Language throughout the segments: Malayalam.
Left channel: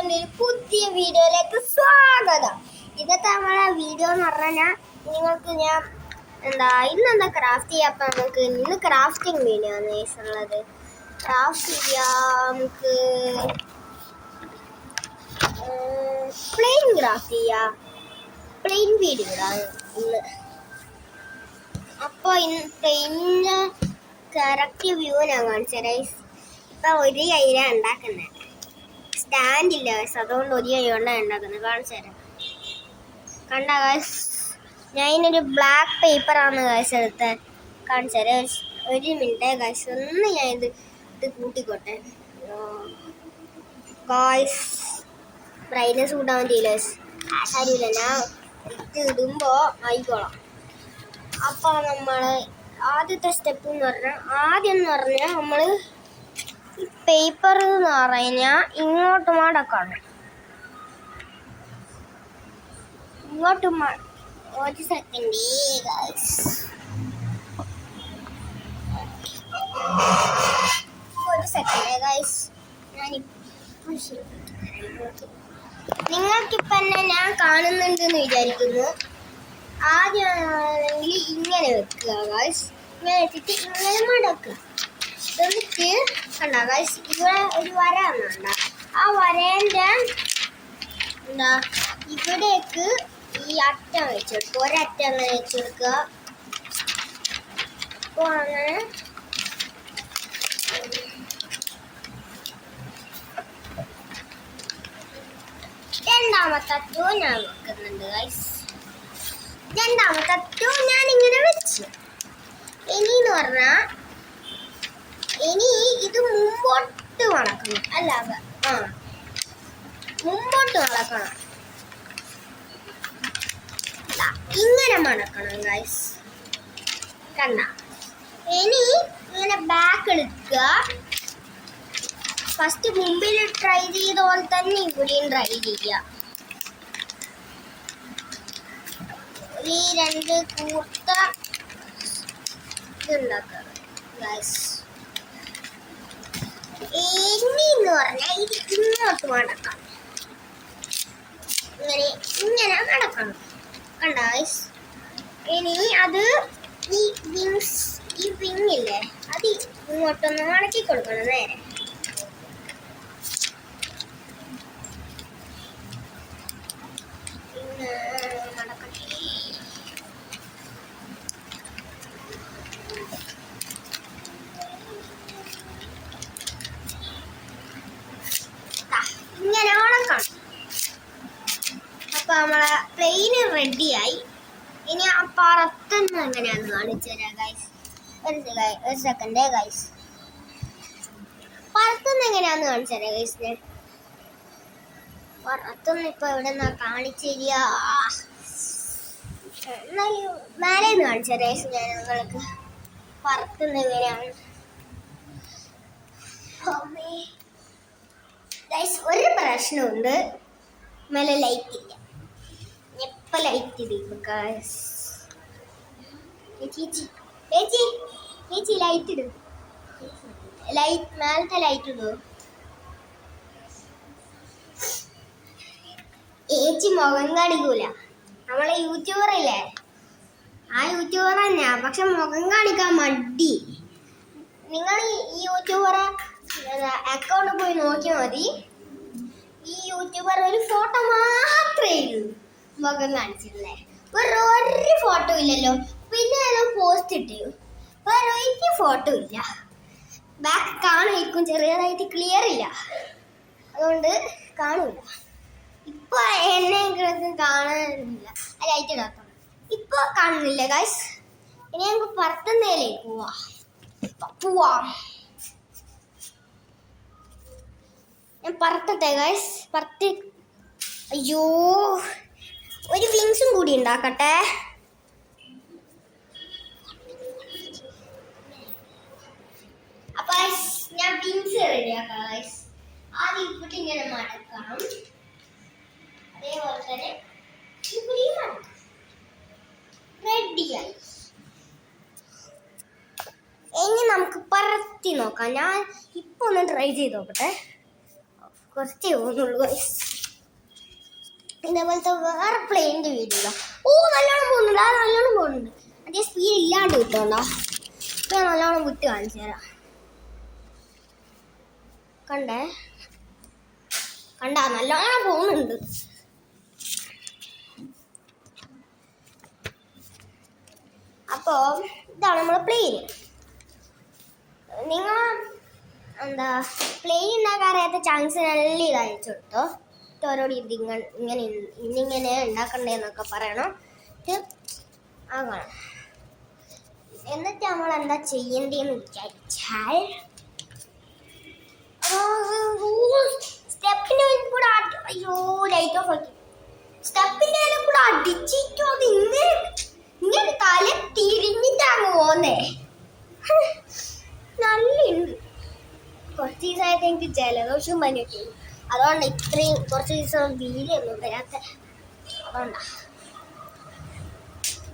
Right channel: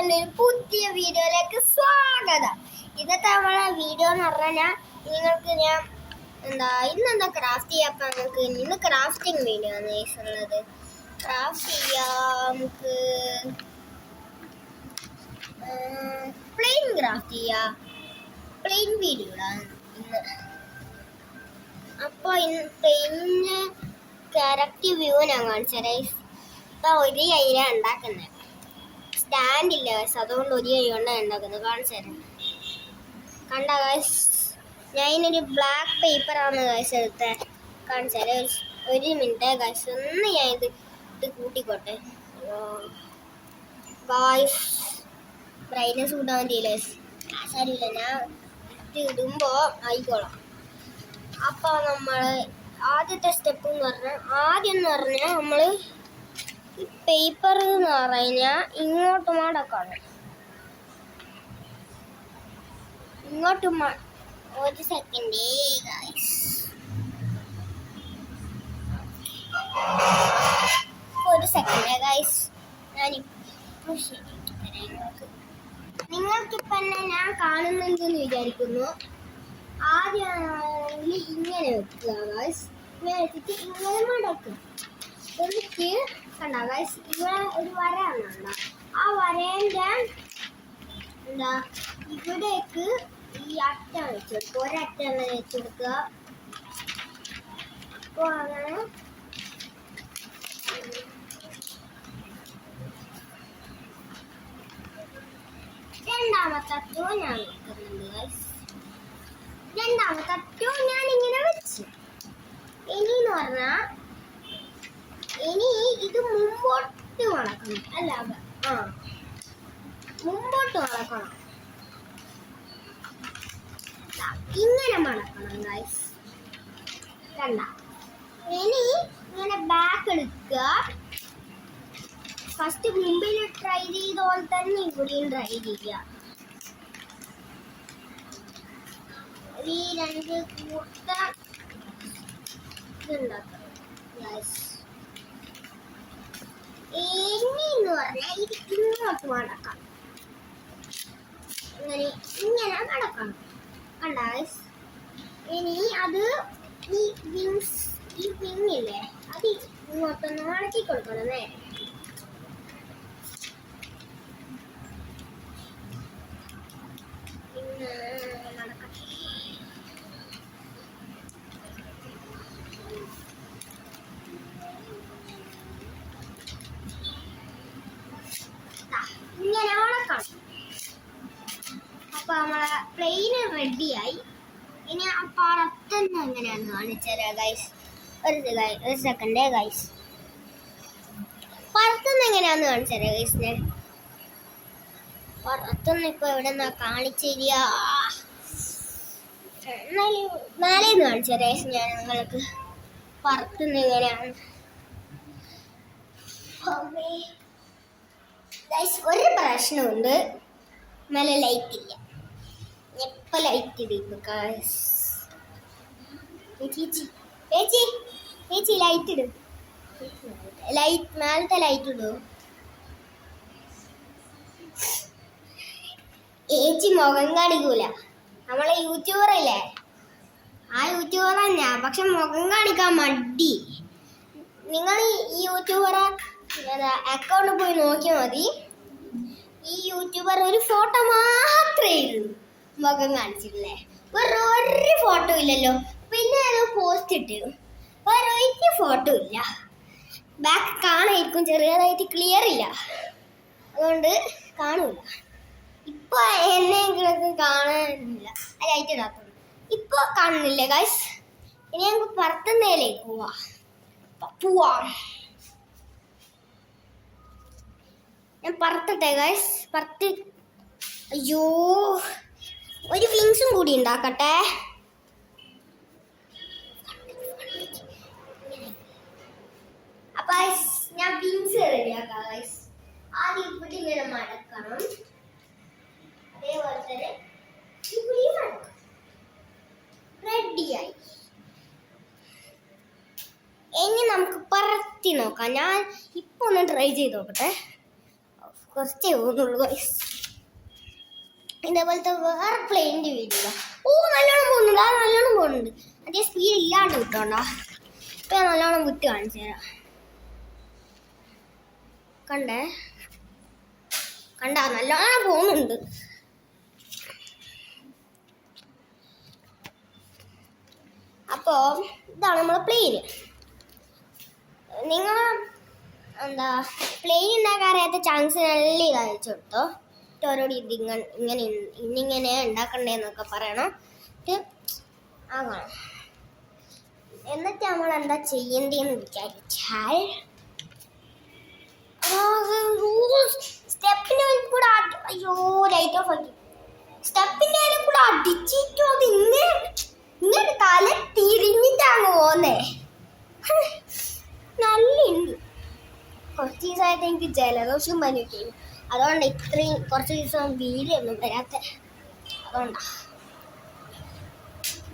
എൻ്റെ ഒരു പുതിയ വീഡിയോയിലേക്ക് സ്വാഗതം. ഇന്നത്തെ നമ്മളെ വീഡിയോ എന്ന് പറഞ്ഞാൽ നിങ്ങൾക്ക് ഞാൻ ഇന്നെന്താ ക്രാഫ്റ്റ് ചെയ്യാം. അപ്പം നമുക്ക് ഇന്ന് ക്രാഫ്റ്റിംഗ് വീഡിയോ ആണ് ഉള്ളത്. ക്രാഫ്റ്റ് ചെയ്യാം, നമുക്ക് പ്ലെയിൻ ക്രാഫ്റ്റ് ചെയ്യാം. പ്ലെയിൻ വീഡിയോ ആണ് ഇന്ന്. അപ്പോൾ ഇന്ന് പ്ലെയിനിൻ്റെ കറക്റ്റ് വ്യൂ ഞാൻ കാണിച്ചു തരാം. ഇപ്പം ഒരു കയ്യിലാണ് ഉണ്ടാക്കുന്നത്, സ്റ്റാൻഡില്ല ഗൈസ്, അതുകൊണ്ട് ഒരു കൈ കൊണ്ടാണ് ഉണ്ടാക്കുന്നത്. കാണിച്ചു തരാം. കണ്ട ഗൈസ്, ഞാൻ ഇതിനൊരു ബ്ലാക്ക് പേപ്പറാണ് ഗൈസ് എടുത്തത്. കാണിച്ചു തരാം. ഒരു മിനിറ്റ് ഗൈസ്, ഒന്ന് ഞാൻ ഇത് കൂട്ടിക്കോട്ടെ ഗൈസ്. ബ്രൈറ്റ്നസ് കൂട്ടാൻ പറ്റിയില്ല ഗൈസ്, ശരിയില്ല, ഞാൻ ഇത് ഇടുമ്പോൾ ആയിക്കോളാം. അപ്പോൾ നമ്മൾ ആദ്യത്തെ സ്റ്റെപ്പ് എന്ന് പറഞ്ഞാൽ നമ്മൾ പേപ്പർ എന്ന് പറഞ്ഞാൽ ഇങ്ങോട്ട് മടക്കണം. ഒരു സെക്കൻഡ് ഗൈസ്, ഞാനിപ്പോൾ നിങ്ങൾക്കിപ്പോൾ എന്നെ ഞാൻ കാണുന്നുണ്ടെന്ന് വിചാരിക്കുന്നു. ആദ്യമാണെങ്കിൽ ഇങ്ങനെ വെക്കുക ഗൈസ്, ഇങ്ങനെ വെച്ചിട്ട് ഇങ്ങനെ മടക്കുക. എന്നിട്ട് കണ്ട ഗൈസ്, ഇവിടെ ഒരു വര വന്നുണ്ട. ആ വരേൻ്റെ ഇവിടേക്ക് ഈ അറ്റം വെച്ചെടുക്കുക, ഒരറ്റം അങ്ങനെ വെച്ചെടുക്കുക. അപ്പോൾ അങ്ങനെ രണ്ടാമത്തെ അറ്റവും ഞാൻ വെക്കുന്നുണ്ട് ഗൈസ്. രണ്ടാമത്തെ അറ്റവും ഞാനിങ്ങനെ വെച്ചു. ഇനിന്ന് പറഞ്ഞാൽ ഇനി ഇത് മുമ്പോട്ട് വളക്കണം, അല്ല മുമ്പോട്ട് വളക്കണം. ഇങ്ങനെ മടക്കണം ഗൈസ്, കണ്ട. ഇനി ഇങ്ങനെ ബാക്ക് എടുക്കുക. ഫസ്റ്റ് മുമ്പിൽ ട്രൈ ചെയ്ത പോലെ തന്നെ ഇവിടെയും ട്രൈ ചെയ്യുക. ഈ രണ്ട് കൂർത്ത ഇതുണ്ടാക്കുക ഗൈസ്. ഇനിന്ന് പറഞ്ഞാൽ ഇത് ഇങ്ങോട്ട് മടക്കണം, ഇങ്ങനെ മടക്കണം, കണ്ട ഗൈസ്. ഇനി അത് ഈ വിങ്ങില്ലേ, അത് ഇങ്ങോട്ടൊന്ന് മടക്കി കൊടുക്കണം നേരെ. ഇങ്ങനെ മടക്കണം. അപ്പോൾ നമ്മളെ പ്ലെയിന് റെഡിയായി. ഇനി ആ പുറത്തുനിന്ന് എങ്ങനെയാന്ന് കാണിച്ചു തരാം ഗൈസ്. ഒരു സെക്കൻഡ് ഗൈസ്, പുറത്തുനിന്ന് എങ്ങനെയാന്ന് കാണിച്ചു തരാം ഗൈസ്. ഞാൻ പുറത്തുനിന്ന് ഇപ്പോൾ എവിടെ നിന്നാ കാണിച്ചു തരിക, എന്നാലും മേലെ നിന്ന് കാണിച്ചു തരാം ഗൈസ്. ഞാൻ നിങ്ങൾക്ക് പുറത്തുനിന്ന് എങ്ങനെയാണ് ഗൈസ്. ഒരു പ്രശ്നമുണ്ട്, മേലെ ലൈറ്റ് ഇല്ല. എപ്പോൾ ലൈറ്റ് ഇടും ഗൈസ്. ചേച്ചി ലൈറ്റ് ഇടും, മേലത്തെ ലൈറ്റ് ഇടും. ചേച്ചി മുഖം കാണിക്കൂല. നമ്മളെ യൂട്യൂബർ ഇല്ലേ, ആ യൂട്യൂബർ തന്നെയാ, പക്ഷെ മുഖം കാണിക്കാൻ മടി. നിങ്ങൾ ഈ യൂട്യൂബറെ അക്കൗണ്ടിൽ പോയി നോക്കിയാൽ മതി. ഈ യൂട്യൂബർ ഒരു ഫോട്ടോ മാത്രമേ ഉള്ളൂ, മുഖം കാണിച്ചിട്ടില്ലേ. വേറെ ഒരു ഫോട്ടോ ഇല്ലല്ലോ. പിന്നെ ഏതോ പോസ്റ്റ് ഇട്ടു, വേറെ ഒരു ഫോട്ടോ ഇല്ല. ബാക്ക് കാണായിരിക്കും, ചെറിയതായിട്ട് ക്ലിയർ ഇല്ല, അതുകൊണ്ട് കാണൂല. ഇപ്പോൾ എന്നെങ്കിലും കാണാനില്ല, ലൈറ്റ് ഇടാത്തോണ്ട് ഇപ്പോൾ കാണുന്നില്ല ഗൈസ്. ഇനി ഞങ്ങൾക്ക് പുറത്തുനിന്നേലേക്ക് പോവാം. ഞാൻ പറത്തട്ടെ ഗൈസ്, അയ്യോ, ഒരു വിങ്സും കൂടി ഉണ്ടാക്കട്ടെ. അപ്പൊ ഞാൻ വിങ്സ് റെഡിയാക്കാം ഗൈസ്. ആദ്യം ഇവിടെ ഇങ്ങനെ മടക്കണം, അതേപോലെ തന്നെ ഇവിടെയും മടക്കണം. റെഡിയായി. ഇനി നമുക്ക് പറത്തി നോക്കാം. ഞാൻ ഇപ്പൊ ഒന്ന് ട്രൈ ചെയ്ത് നോക്കട്ടെ. കുറച്ചേ പോകുന്നുള്ളൂ ഗൈസ്. ഇതേപോലത്തെ വേറെ പ്ലെയിനിന്റെ വീഡിയോ. ഓ നല്ലോണം പോകുന്നുണ്ട്, നല്ലോണം പോകുന്നുണ്ട്. അതേ സ്പീഡ് ഇല്ലാണ്ട് കിട്ടോണ്ടോ. ഇപ്പൊ ഞാൻ നല്ലോണം വിട്ട് കാണിച്ചു തരാം. കണ്ടാ നല്ലോണം പോകുന്നുണ്ട്. അപ്പോ ഇതാണ് നമ്മളെ പ്ലെയിന്. നിങ്ങൾ എന്താ പ്ലെയിൻ ഉണ്ടാക്കാൻ അറിയാത്ത ചാൻസ് നല്ല ഇത് അയച്ചു കൊടുത്തോ. ഓരോട് ഇന്നിങ്ങനെ ഉണ്ടാക്കണ്ടേന്നൊക്കെ പറയണം. ആകണം. എന്നിട്ട് നമ്മൾ എന്താ ചെയ്യേണ്ടതെന്ന് വിചാരിച്ചാൽ സ്റ്റെപ്പിന്റെ കൂടെ അയ്യോ ലൈറ്റ് ഓഫ് ആക്കി. സ്റ്റെപ്പിന്റെ കൂടെ അടിച്ചിട്ടോ അത് ഇങ്ങനെ തല തിരിഞ്ഞിട്ടാണ് പോന്നേ. നല്ലുണ്ട്. കുറച്ച് ദിവസമായിട്ട് എനിക്ക് ജലദോഷം പനിയൊക്കെ, അതുകൊണ്ട് ഇത്രയും കുറച്ച് ദിവസം വീഡിയോ ഒന്നും വരാത്ത. അതുകൊണ്ടാ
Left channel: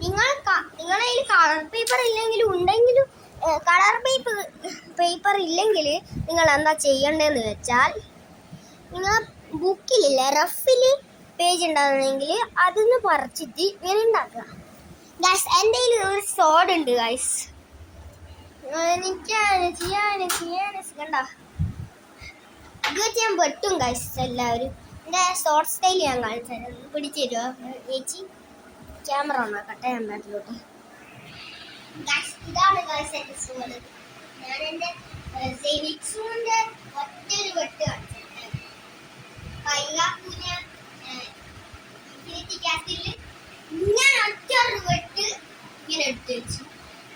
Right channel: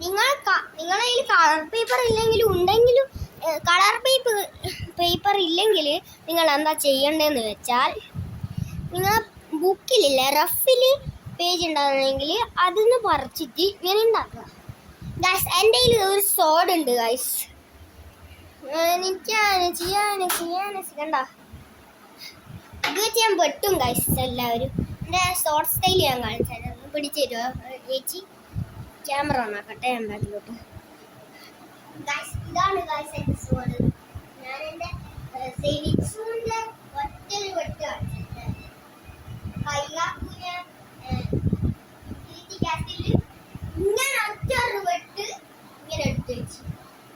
നിങ്ങളെ കയ്യിൽ കളർ പേപ്പർ ഇല്ലെങ്കിലും ഉണ്ടെങ്കിലും കളർ പേപ്പർ ഇല്ലെങ്കിൽ നിങ്ങൾ എന്താ ചെയ്യേണ്ടതെന്ന് വെച്ചാൽ, നിങ്ങൾ ബുക്കിലില്ലേ റഫിൽ പേജ് ഉണ്ടാകുന്നെങ്കിൽ അതൊന്ന് പറിച്ചിട്ട് ഇങ്ങനെ ഉണ്ടാക്കുക ഗൈസ്. എൻ്റെ കയ്യിൽ ഒരു സോഡ് ഉണ്ട് ഗൈസ്. കണ്ട ഇത് വെച്ച് ഞാൻ വെട്ടും ഗൈസ്. എല്ലാവരും എൻ്റെ ഷോർട്ട് സ്റ്റൈൽ ഞാൻ കാണിച്ചു പിടിച്ചു തരുമോ ചേച്ചി? ക്യാമറ ഓണാക്കട്ടെ ഞാൻ ബാക്കിലോട്ട്. ഇതാണ് ഗൈസ് എൻ്റെ സോഡ്. ഞാൻ എൻ്റെ സെനിക്സിന്റെ ഒറ്റൊരു വെട്ട് കാണിച്ചിട്ട് കൈകാക്കൂന ഇങ്ങനെ ഒറ്റൊരു വെട്ട് ഇങ്ങനെ എടുത്തു വെച്ചു.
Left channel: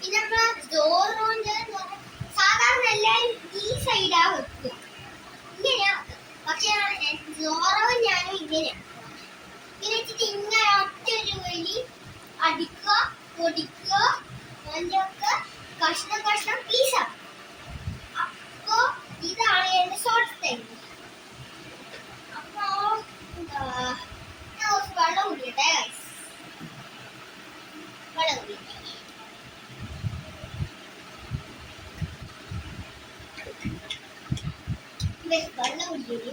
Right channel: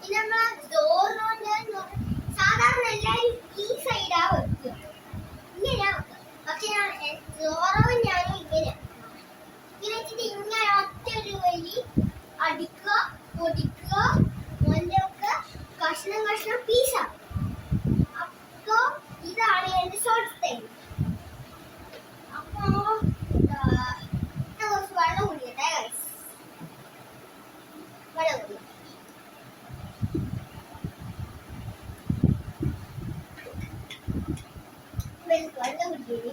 പിന്നെ നമ്മളെ ഡോറിന്റെ സാധാരണ എല്ലാവരും ഈ സൈഡാ വെക്കുക, ഇങ്ങനെയാ വെക്കുക. പക്ഷെ ഡോറും ഞാനും ഇങ്ങനെയാണ്. ഇങ്ങനെ വെച്ചിട്ട് ഇങ്ങനെ ഒറ്റൊരു വലി അടിക്കുക, പൊടിക്കുക, മഞ്ഞൊക്കെ കഷ്ണം കഷ്ണം പീസാണ്. അപ്പോ ഇതാണ് എന്റെ ഷോർട്ട് സ്റ്റൈൽ. അപ്പോ ഞാൻ കുറച്ച് വെള്ളം കുടിക്കട്ടെ ഗൈസ്. വെള്ളം കുടിക്കട്ടെ. വെള്ളം കുടിക്കട്ടെ.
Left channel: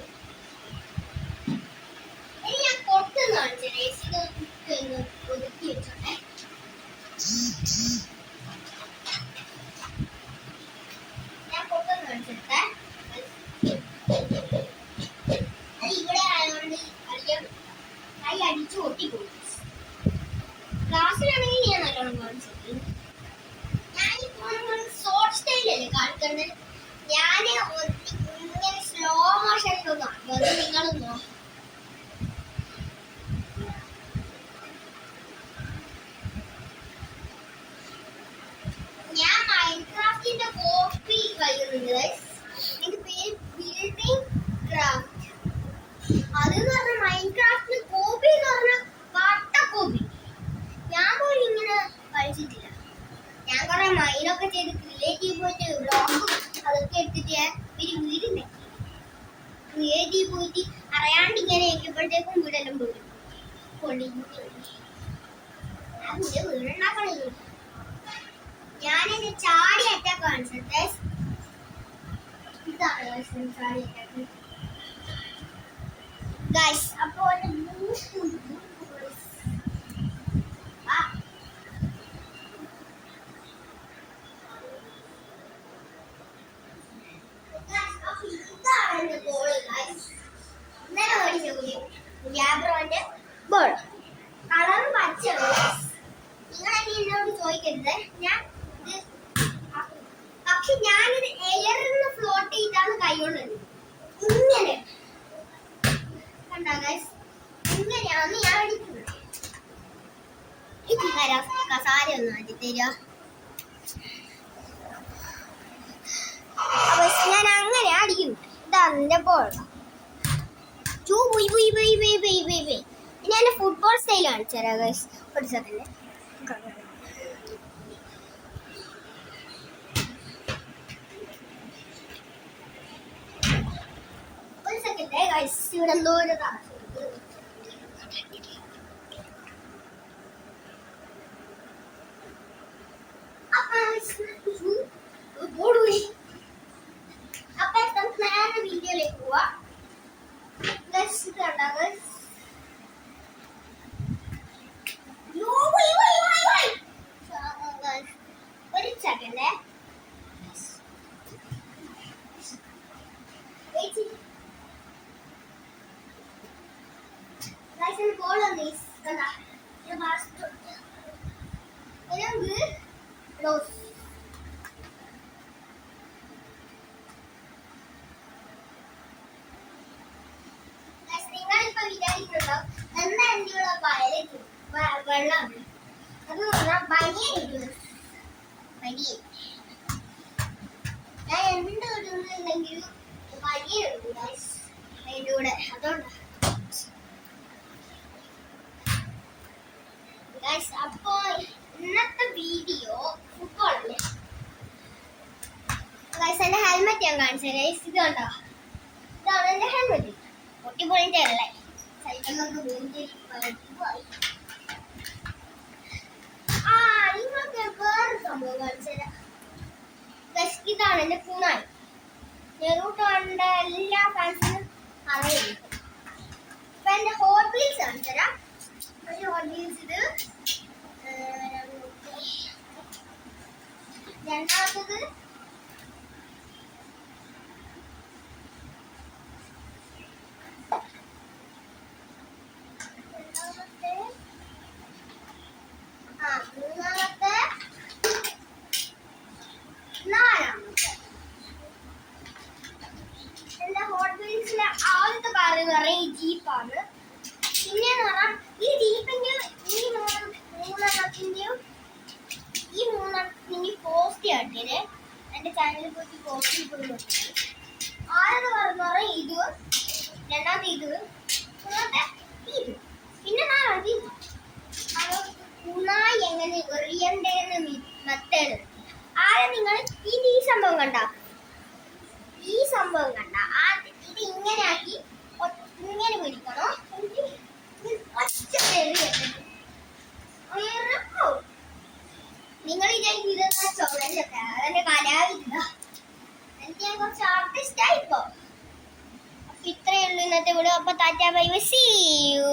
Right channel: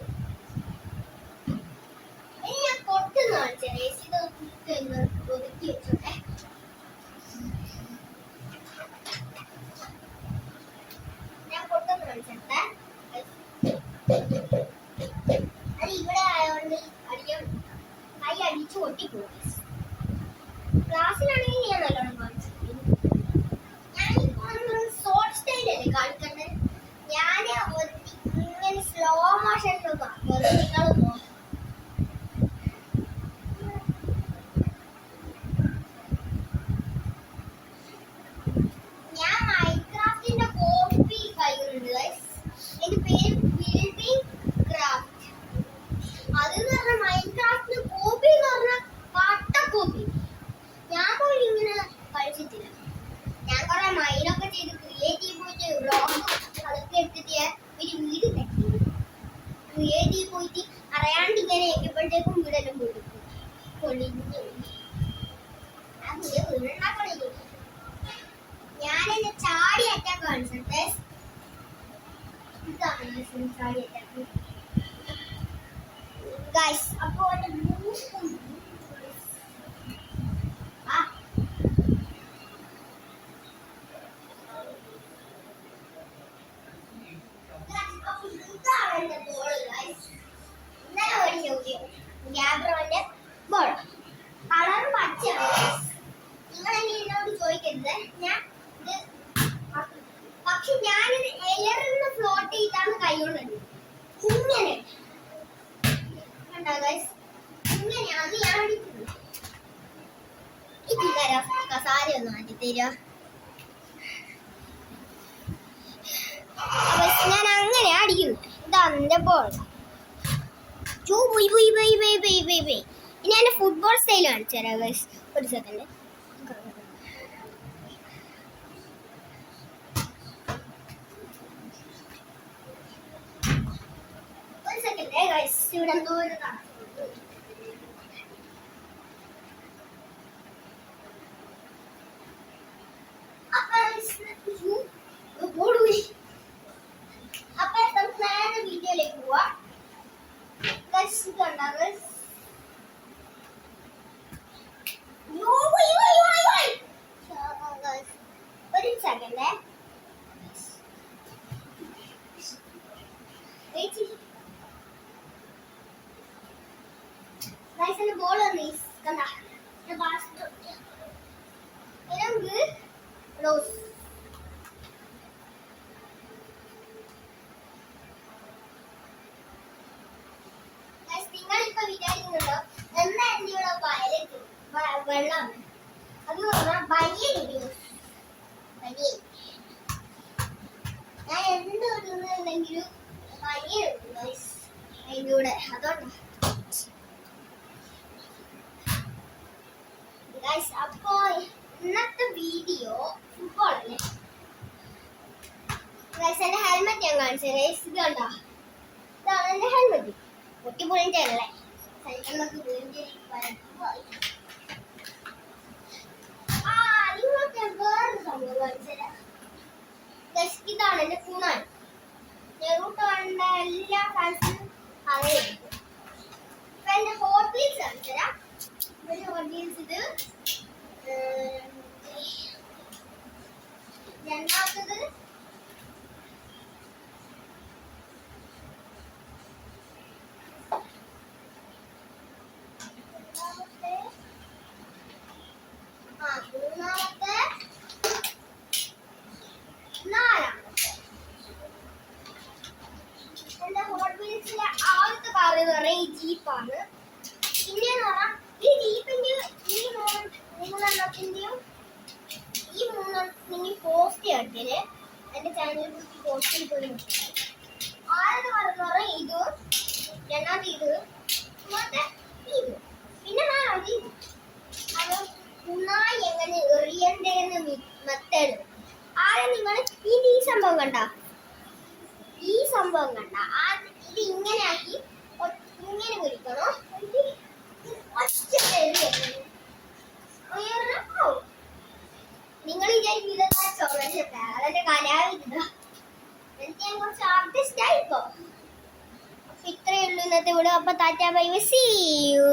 ഇനി ഞാൻ പൊട്ടുന്ന കാണിച്ചേ. ഒതുക്കി വെച്ചോട്ടെ. ഞാൻ പൊട്ടുന്ന കാണിച്ചെടുത്തേ. അത് ഇവിടെ ആയതുകൊണ്ട് കൈ അടിച്ചു പൊട്ടിപ്പോകും. ക്ലാസ്സിലാണെങ്കിൽ ഞാൻ നല്ലോണം കാണിച്ചു. ഞാനിപ്പോ ഷോർട്ട് സ്റ്റൈലല്ലേ കാണിക്കേണ്ടത്. ഞാൻ ഇങ്ങനെ സ്ലോ മോഷനിലൊന്നും ആക്കിയത് നിങ്ങളൊന്നോ. ഞാൻ മൈൻക്രാഫ്റ്റിന്റെ കോപ്പി കളിക്കുന്നുണ്ട്. എന്റെ പേര് ബിൽഡിംഗ് ക്രാഫ്റ്റ്. അതെന്ന് പറഞ്ഞാൽ മൈൻക്രാഫ്റ്റിന് കോപ്പി എന്ന് പറഞ്ഞാൽ പട്ട കോപ്പി. ഞാൻ പോലും ഇങ്ങനെ കളിച്ചിട്ടില്ല. ഞാൻ കുറെ മൈനൊക്കെ ചെയ്ത് ക്രിയേറ്റീവ് പോയിട്ട് വ്ളോഗും അതൊക്കെ എടുത്തിട്ട് ഒരു വീട് ഉണ്ടാക്കി. ക്രിയേറ്റീവ് പോയിട്ട് അറിയാണ്ട് ഇങ്ങനെ ആക്കിയപ്പോഴത്തേക്കും വീടെല്ലാം പൊളിഞ്ഞു. ആ വീടുണ്ടാക്കണില്ല. ഞാനെന്നെ ചാടി അറ്റാക്ക് കാണിച്ചിട്ട് ഇതാണ് ചാടി അറ്റാക്ക് ഗൈസ്. അപ്പോ ഗ്യാബ്രോന്റെ ബോൾ കളർ പച്ചയാണ്. നിങ്ങൾ എന്നോട് ചോദിക്കരുത്. ഞാൻ പക്ഷെ ഞാനിത് എയറിൽ ഫ്ലോട്ട് ചെയ്താണ് കൈകൊണ്ടുണ്ട്. ഇങ്ങനെ കണ്ടാ ഗൈസ്, ഇങ്ങനെയാണ് ഞാൻ അടിക്കുന്നത്. ഇത് കസാര ഒന്ന് മാറ്റി തരുക. അപ്പൊ ഞാൻ അങ്ങനെ അടിക്കുന്നു. ഇതാണ് എന്റെ ബോൾ. ഇനി എന്റെ ഫുട്ബോൾ സ്റ്റൈൽ കാണിച്ചു തരാം ഗൈസ്. ഒരു സെക്കൻഡ്. ഇവിടെ എന്തോ ഒരു വീഡിയോയിലേക്ക് പോവാ. ഇത് കണ്ടോ ഒരു സെക്കൻഡ് ബോൾ കണ്ട റോസ് നിങ്ങളിപ്പോ വിചാരിക്കുന്നുണ്ടോ എന്താ എൻ്റെ ഇവിടെ വയലേക്ക് വെള്ളമാണ് അത് പറഞ്ഞാൽ ബനിയൻ ബനിയൻ ഞാൻ എന്ത് ഇടുന്നുണ്ടെങ്കിലും ബനിയൻ ഇടും അതിൻ്റെ കൂടെ അതുകൊണ്ടാ അപ്പോ ഇന്നത്തെ വീഡിയോ ഫുട്ബോൾ അല്ലേ എന്റെ ഹെൽമെറ്റ് ഞാൻ കാണിച്ചു ഇത് കണ്ടോ ഇതാണ് എന്റെ ഹെൽമെറ്റ് പൊട്ടിപ്പൊളിട്ടല്ലേ സൈക്കിളിലൊക്കെ നിങ്ങൾക്ക് വേറൊരു സംഭവം കാണിച്ചുതരാം ഇതാണ് എന്റെ കൂണാണ് നെറൂട്ടോന്റെ എല്ലാ ഫാൻസിനും അറിയാം അപ്പൊ എന്റെ ഹോട്ട് വീൽസ് കാണിച്ചുതരാം ഒരു ഹോട്ട് വീൽസ് ഇത് രണ്ടാമത്തത് മൂന്നാമത്തെ നാലാമത്തെ എന്റെ ഹോട്ട് വീൽസിലെ ആദ്യത്തെ കാർ എന്ന് പറഞ്ഞാൽ ഈ ജീപ്പാണ് പിന്നെന്ന് പറഞ്ഞാൽ ഈ ജീപ്പിന്റെ ഈ മൂന്നെണ്ണത്തിന്റെയും പോസ്റ്റ് കാട്ടിയത് എന്റെ ചാനലിൽ പോയിട്ട് പോസ്റ്റിൽ പോയി നോക്കി ആദ്യത്തെ കാർ എന്ന് പറഞ്ഞാൽ ഇത് രണ്ടാമത്തെ ഇത് മൂന്നാമത്തെ ഇത് പിന്നെ നാലാമത്തെ ഇത് കുണായി എങ്ങനെ എറിയണ്ടേന്ന് മെത്തേഡ് ആദ്യം നിങ്ങൾ ഈ സംഭവം കണ്ട ഇത് ഇങ്ങനെ ആക്കി ഇങ്ങനെ പിടിക്കണോ നിങ്ങൾ വിചാരിക്കും ഇതെന്നാ ചോളൊക്കെ അതെന്റെ കലാവിരുന്ന എനിക്ക് ഞാൻ കുറച്ച് ആർട്ടിസ്റ്റ് ആയിപ്പോ അപ്പൊ ഇത്രയേ ഉള്ളൂ ഇന്നത്തെ വീഡിയോ അപ്പൊ tata bye bye see U